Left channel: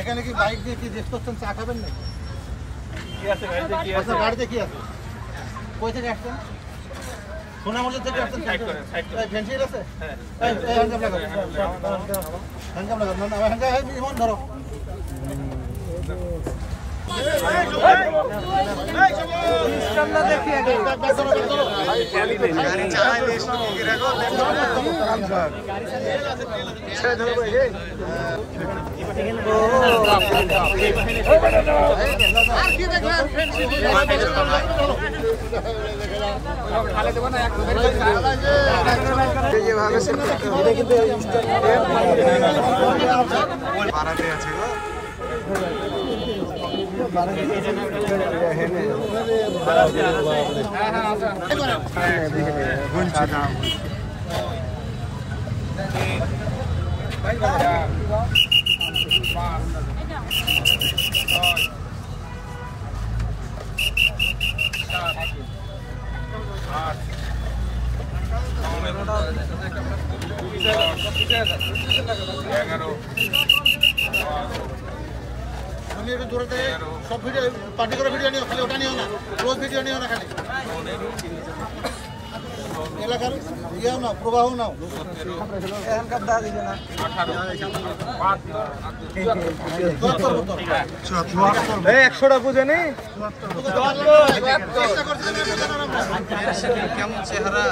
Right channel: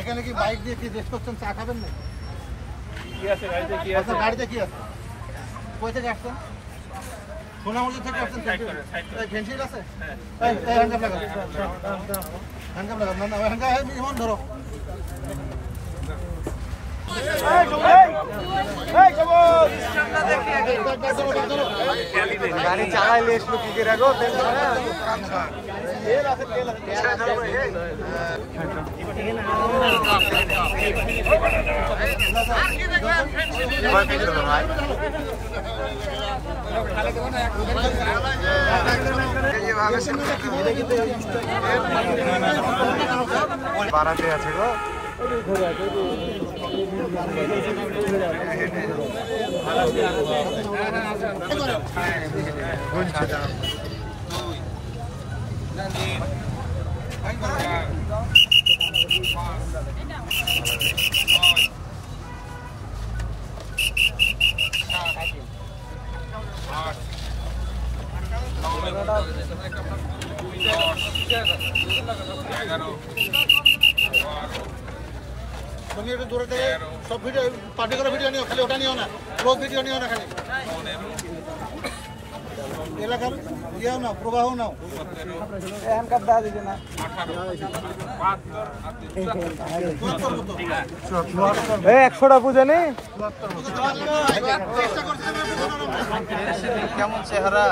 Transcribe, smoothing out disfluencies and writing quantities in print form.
এখানে কি বাইক দিয়ে কি রেস করছেন, চা খাবেন না? কি আছে গাড়িতে? কি আছে গাড়িতে? কি আছে? কই থেকে আসছেন? সোনামুড়ি থেকে আসছেন? ফেন্সিল আছে? হ্যাঁ, হ্যান্ডকাপ লাগাও। হ্যান্ডকাপ লাগাও। না হ্যান্ডকাপ ইমন ধরো। গাড়ি চালাইলে কি রাখো বাড়াতে আছে গো তুমি একটু দূরে থেকে সব ভিডিও পার্টি করে ভিডিও নিও, খালি ওটা নিও না, রোজ ভিডিও নিও না, খালি এলাকার ইয়েও নাও, প্রবাহ নাও। হ্যান্ডকাপ দেওয়া দিবে না। 100টা পুজো নেই কেমন চেহারা